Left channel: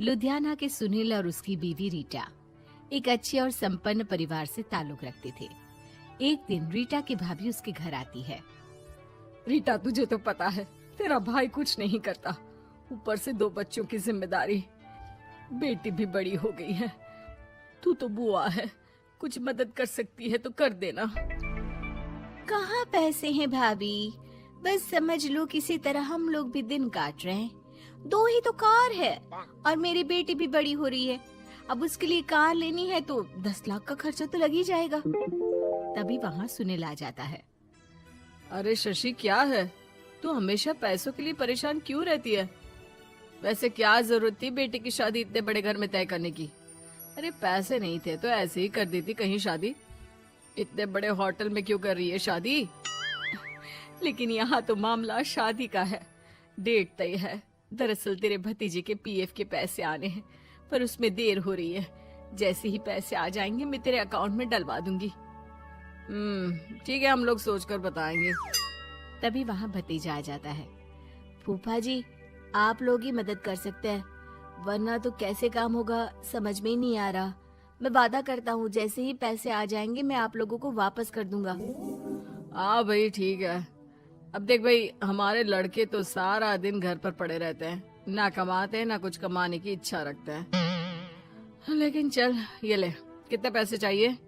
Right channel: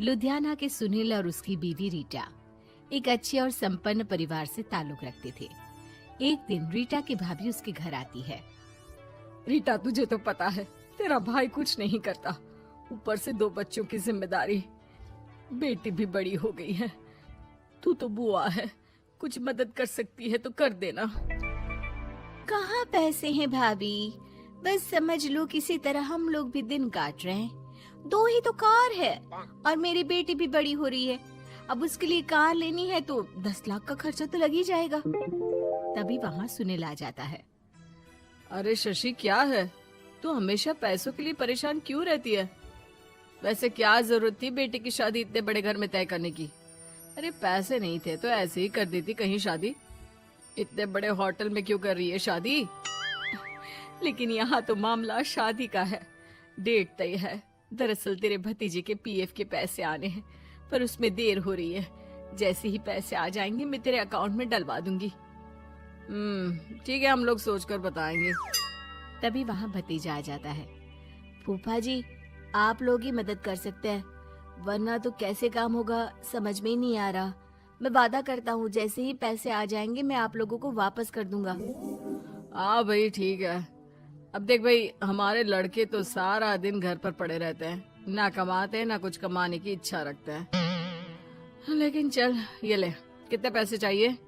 लुधियाना के सुनील और उसकी बीवी रीटा एक अच्छे और संपन्न परिवार से ताल्लुक रखते थे। एक दिन रीटा की भाभी उसके घर आती है। रीटा, तुझे तो पता है तेरा भाई कुछ नहीं करता, ऊपर से 2 बच्चों की जिम्मेदारी, बेटी भी बड़ी हो गई है। तू तो बुआ है, कुछ मदद कर सकती है तो कर देना। कहाँ पैसे हैं भाभी, बस समझ लो किसी तरह हम लोग भी दिन काट रहे हैं। 2 ही तो कार है और मेरी बेटी भी बड़ी हो रही है। अब उसके लिए कार लेनी है तो 10 लाख का खर्चा तो लग ही जाएगा। तभी वहाँ सुनील आ जाता है। अरे शशि, क्या है, तू हमेशा पैसों के लिए परेशान क्यों रहती है? वैसे क्या जरूरत थी बेटी की शादी इतने बड़े घर में तय करने की? अरे पैसे नहीं थे तो ऐसे ही कर देती कहीं शादी। इतने बड़े होटल में क्यों कर रही है शादी? लेकिन यहाँ तो मामला शादी का है, डेट तय है। दरअसल तेरे भतीजे के पीएफ के पैसे आने हैं, पर उसमें देर हो रही है। जैसे ही पैसे आ जाएंगे मैं तेरे अकाउंट में डलवा दूंगी। ठीक है, हम लोग सोचकर बताएंगे। तभी वहाँ भतीजा आ जाता है। फूफा जी, आप लोग ही मदद कर सकते हैं, वरना तो कैसे काम होगा समझ में ही नहीं आ रहा। मैं वादा करता हूँ जैसे ही पैसे आ जाएंगे मैं आप लोगों को वापस कर दूंगा। हाँ भाई, ठीक है। अब देख भाई, हमारे लड़के तो सारा दिन घर पर पड़े रहते हैं, ना कमाते हैं ना कुछ कमाने की इच्छा रखते हैं। लेकिन चल, ये ले, कितने पैसे चाहिए?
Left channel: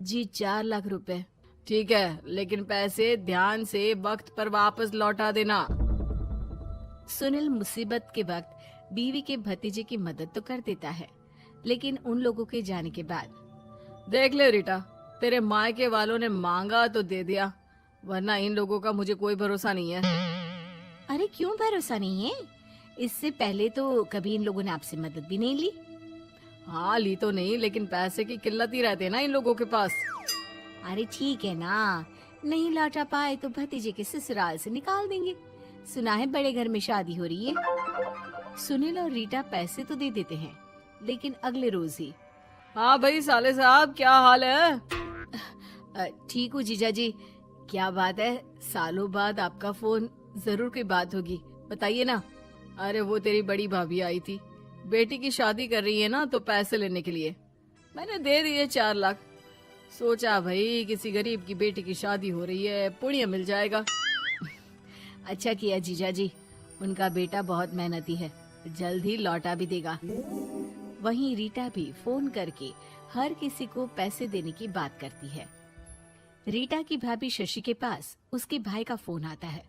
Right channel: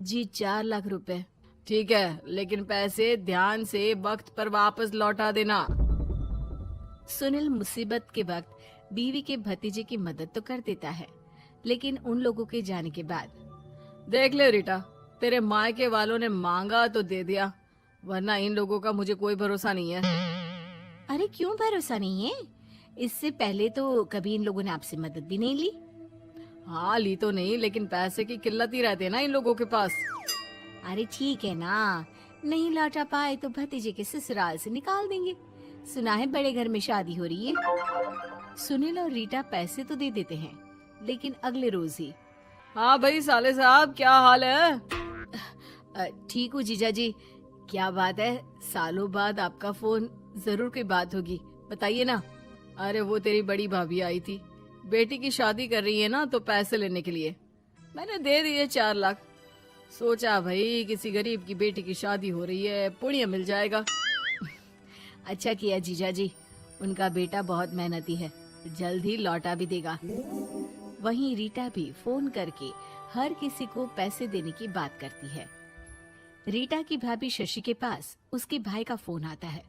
जी 4 लाख रुपए। ठीक है, लेकिन पैसे ध्यान से वक्त पर वापस लौटा देना। सुनील मुसीबत के वक्त बीवी के भतीजे की मदद तो कर देता है, लेकिन उन लोगों के जाने के बाद देख ले रीटा, तेरे मायके वालों ने मांगा तो दे दिया, वरना इन लोगों का मुझे कोई भरोसा नहीं है। अरे क्यों भरोसा नहीं है? इससे पहले तो कभी इन लोगों ने आपसे मदद भी नहीं ली। हाँ, ली तो नहीं, लेकिन पैसे की किल्लत ही रहती है ना इन लोगों के पास। अरे ठीक है ना, नहीं लौटा पाए तो भतीजे के ससुराल से निकाल देंगे। सुना है बड़े घर में शादी हो रही है। सुनील और रीटा पैसे तो दे देते हैं, लेकिन अगले रोज ही। हाँ भाई साले साहब, क्या हाल है? ठीक हूँ जीजा जी। क्या बात है, सालों बाद आपका फोन, जरूर कोई बात होगी, बताइए ना। अरे वो तेरी बड़ी भाभी आई थी, बेटी की शादी कर रही है ना, तो पैसे लेने के लिए मैंने दे दिए 4 लाख। सोचा भाई किसी गरीब की बेटी की शादी हो रही है, पुण्य मिल जाएगा। अच्छा किया जीजा जी, उनका बेटा बहुत मेहनती है, जल्द ही लौटा भी देगा। वहीं रीटा भी फोन करके हर किसी को पैसे देने की बात करती है। रीटा की भाभी शशि के पास उसके भाई का फोन आता है।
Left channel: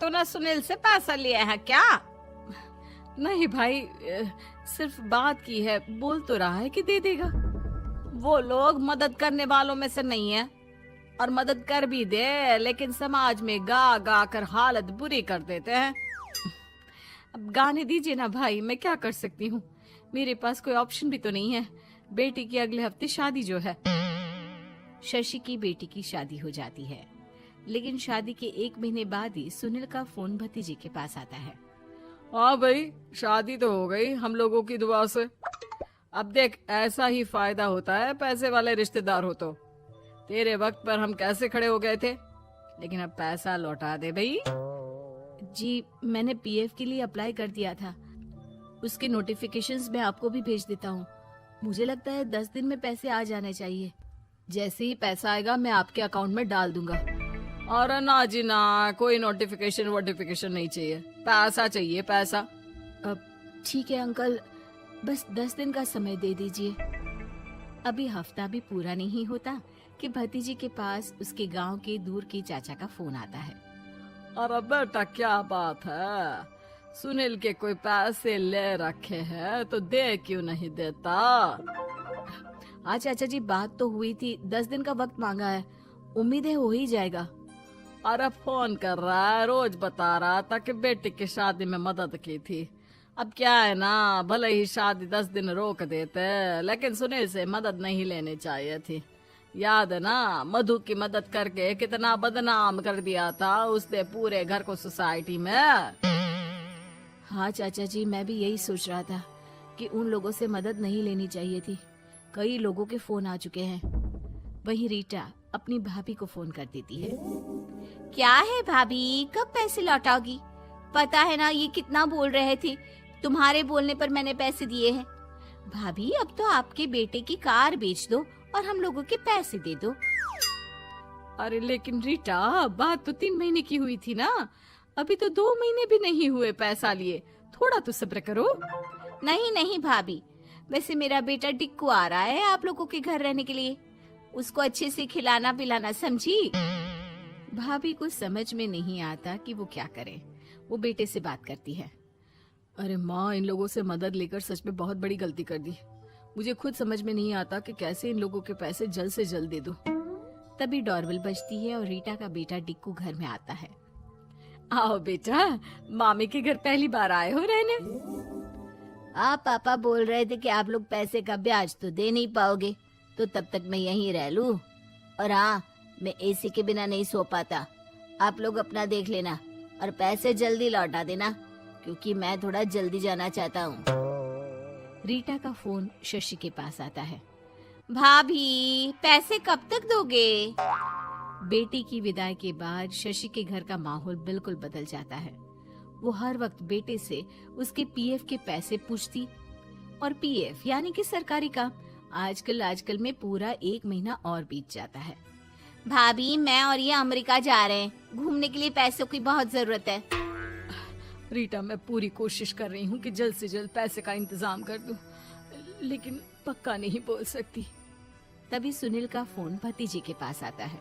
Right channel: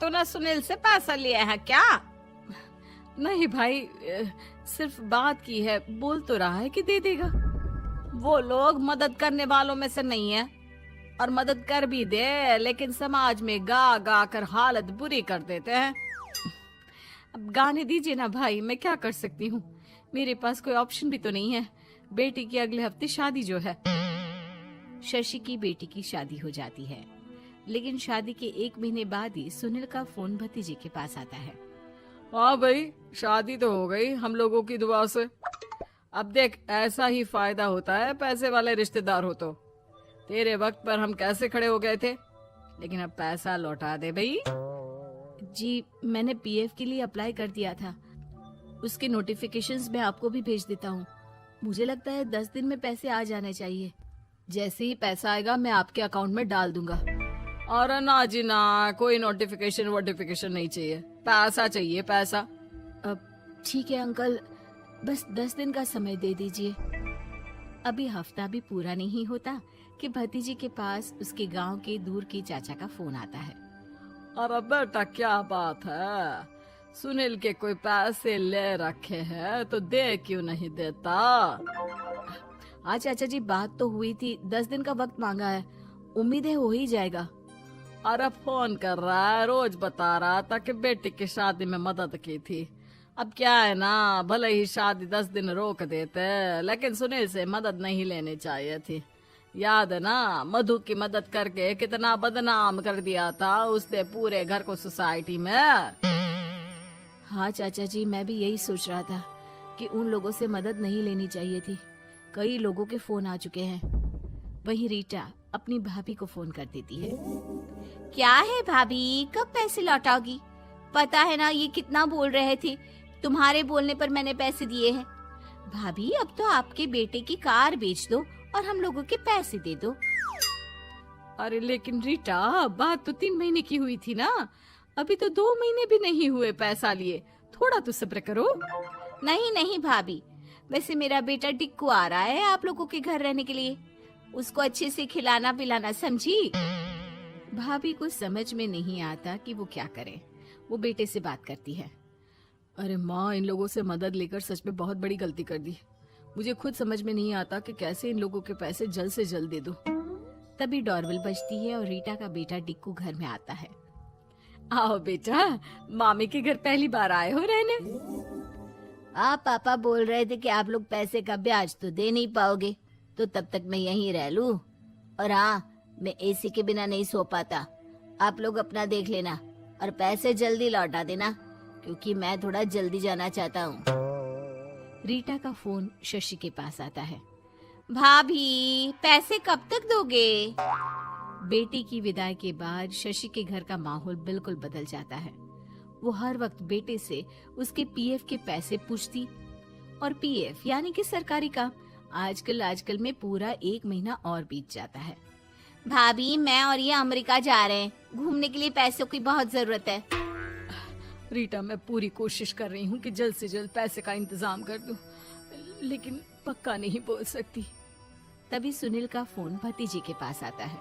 तूने सुनील से पैसा लिया है क्या? नहीं भाई, सिर्फ बात की है, बोल तो रहा है कि दे देगा। वो लोग मदद करने वालों में से नहीं है, और मदद कर भी दे लेकिन समाज में गा गा कर हालत बुरी कर देते हैं। अब गाने दीजिए ना भाई, मैं क्या कर सकती हूँ, मेरे पास कोई ऑप्शन भी तो नहीं है। बेटी की अगले हफ्ते शादी जो है। शशि की बेटी की शादी हो जाती है, लेकिन शादी के 1 महीने बाद ही सुनील का फोन भतीजे के पास आता है। हाँ भाई, शादी तो हो गई हम लोगों की दुआ से। अब देख, ऐसा ही फायदा होता है पैसे वाले रिश्तेदार हो तो। तेरे वक्त पर हम कैसे खड़े हो गए थे, लेकिन अब पैसा लौटा दे भाई। जी, मैंने पीएफ के लिए अप्लाई कर दिया था, उसकी नोटिफिकेशंस मैं आपको भी भेज देता हूँ। मुझे लगता है 10 दिन में पैसे आ जाना चाहिए। जैसे ही पैसा आएगा मैं आपके अकाउंट में डाल दूंगा। और ना जी ना, कोई नोटिफिकेशन नहीं चाहिए, पैसा चाहिए, पैसा। ठीक है अंकल, बस 10 दिन का समय दे दीजिए। अभी हफ्ता भी पूरा नहीं होता कि भतीजे के पास उसके गांव के दूर के चाचा का फोन आता है। अरे बेटा, क्या बात है, सुनील के कोई पैसे ले रखे हैं तो दे क्यों नहीं देता? हाँ चाचा जी, बात तो हुई थी, 10 दिन का वक्त मांगा है, उम्मीद है हो ही जाएगा। अरे फोन कर रहा है, रोज बता रहा था कि बेटी की शादी में मदद की थी। अब क्या है ना, भले ही शादी 10 दिन रोक देते, लेकिन सुनील से मदद नहीं लेनी चाहिए थी। याद है ना, मधु की मदद करके कितना बदनाम कर दिया था उसने पूरे घर को सोसाइटी में। हाँ चाचा जी, मैं भी यही सोच रहा था कि उन लोगों से मदद नहीं लेनी चाहिए थी। कई लोगों के फोन आ चुके हैं। वहीं रीटा अपनी भाभी को फोन कर देती है। क्या है भाभी, कब पैसे लौटाओगी? पता है ना ये कितना बोल रहे थे, तुम्हारे बोलने पर मैंने पैसे दिए हैं। भाभी अब तो आपके बेटे की कार बेच दो और हम लोगों के पैसे दे दो। अरे लेकिन रीटा, बात तो 3 महीने की हुई थी ना, अभी तो 2 महीने भी नहीं हुए पैसा लिए, थोड़ा तो सब्र करो। नहीं नहीं भाभी, वैसे मेरा बेटा टिक्कू आ रहा है आप लोगों के घर रहने के लिए, उसको अच्छे से खिलाना पिलाना, समझी? भाभी को समझ में नहीं आता कि वो क्या करे। वो बेटे से बात करती है। अरे माँ, इन लोगों से मदद लेकर सच में बहुत बड़ी गलती कर दी। मुझे खुद समझ में नहीं आता कि कैसे इन लोगों के पैसे जल्द से जल्द दे दूं। तभी डोरबेल बजती है और रीटा का बेटा टिक्कू घर में आता है। आओ बेटा, मामी के घर पहली बार आए हो रहने? आप पापा बोल रहे थे कि आप लोग पैसे का ब्याज तो दे नहीं पाओगे, तो तब तक मैं यहीं रह लूं। और हाँ, मैं एसी के बिना नहीं सो पाता। आप लोग अपना देख लेना और पैसे जल्दी लौटा देना, क्योंकि मैं थोड़ा जल्दी जाना चाहता हूँ। रीटा का फोन शशि के पास आता है। भाभी, पैसे कब तक दोगे? बेटे की विदाई के बाद शशि के घर का माहौल बिल्कुल बदल जाता है। वो हर वक्त बेटे से उसके पीएफ के पैसे पूछती, और पीएफ यानी कि सरकारी काम। आजकल में पूरा 1 महीना और बीत जाता है। भाभी, मैं और ये अमेरिका जा रहे हैं, घूमने के लिए पैसों की बहुत जरूरत है। रीटा, मैं पूरी कोशिश कर रही हूँ कि जल्द से जल्द पैसे का इंतजाम कर दूं, लेकिन पक्का नहीं बोल सकती। तभी सुनील का फोन भतीजे के पास आता है।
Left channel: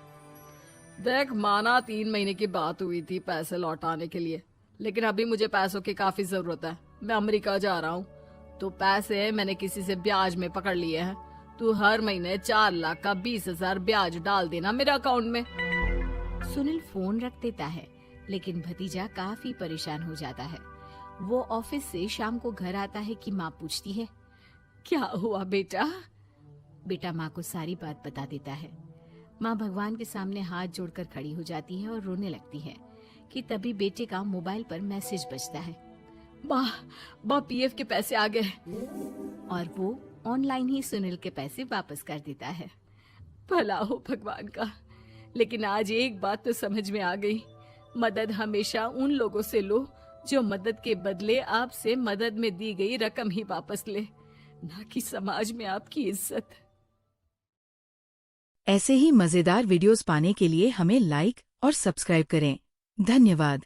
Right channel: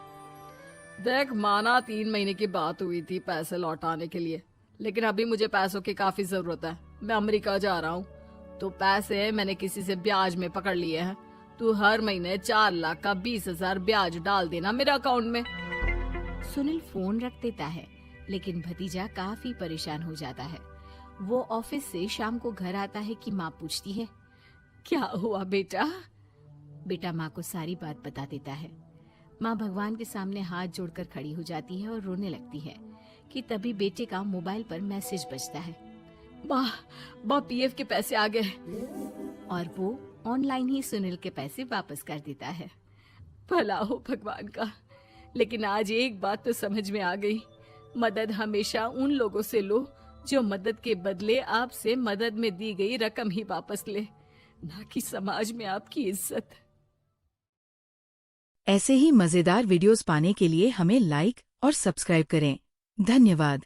देख माना 3 महीने की बात हुई थी पैसे लौटाने के लिए, लेकिन अभी मुझे पैसों की काफी जरूरत है। मैं अमेरिका जा रहा हूँ, तो पैसे मैंने किसी से ब्याज में पकड़ लिए हैं। तू हर महीने 4 लाख का 20,000 ब्याज डाल देना मेरे अकाउंट में। सुनील फोन रख देता है, लेकिन भतीजा काफी परेशान हो जाता है। वो ऑफिस से शाम को घर आता है कि माँ पूछती है, क्या हुआ बेटा? बेटा माँ को सारी बात बता देता है। माँ भगवान के सामने हाथ जोड़कर खड़ी हो जाती है और रोने लगती है कि तभी बेटे का मोबाइल पर मैसेज बजता है। माँ, पीएफ के पैसे आ गए। और वो ऑनलाइन ही सुनील के पैसे वापस कर देता है। भला हो भगवान का। लेकिन आज एक बात तो समझ में आ गई, मदद हमेशा उन लोगों से लो जो मदद के बदले आपसे मदद में दी गई रकम ही वापस लें, ना कि समाज में आपकी इज्जत। ऐसे ही मजेदार वीडियोस पाने के लिए हमें लाइक और सब्सक्राइब करें। धन्यवाद।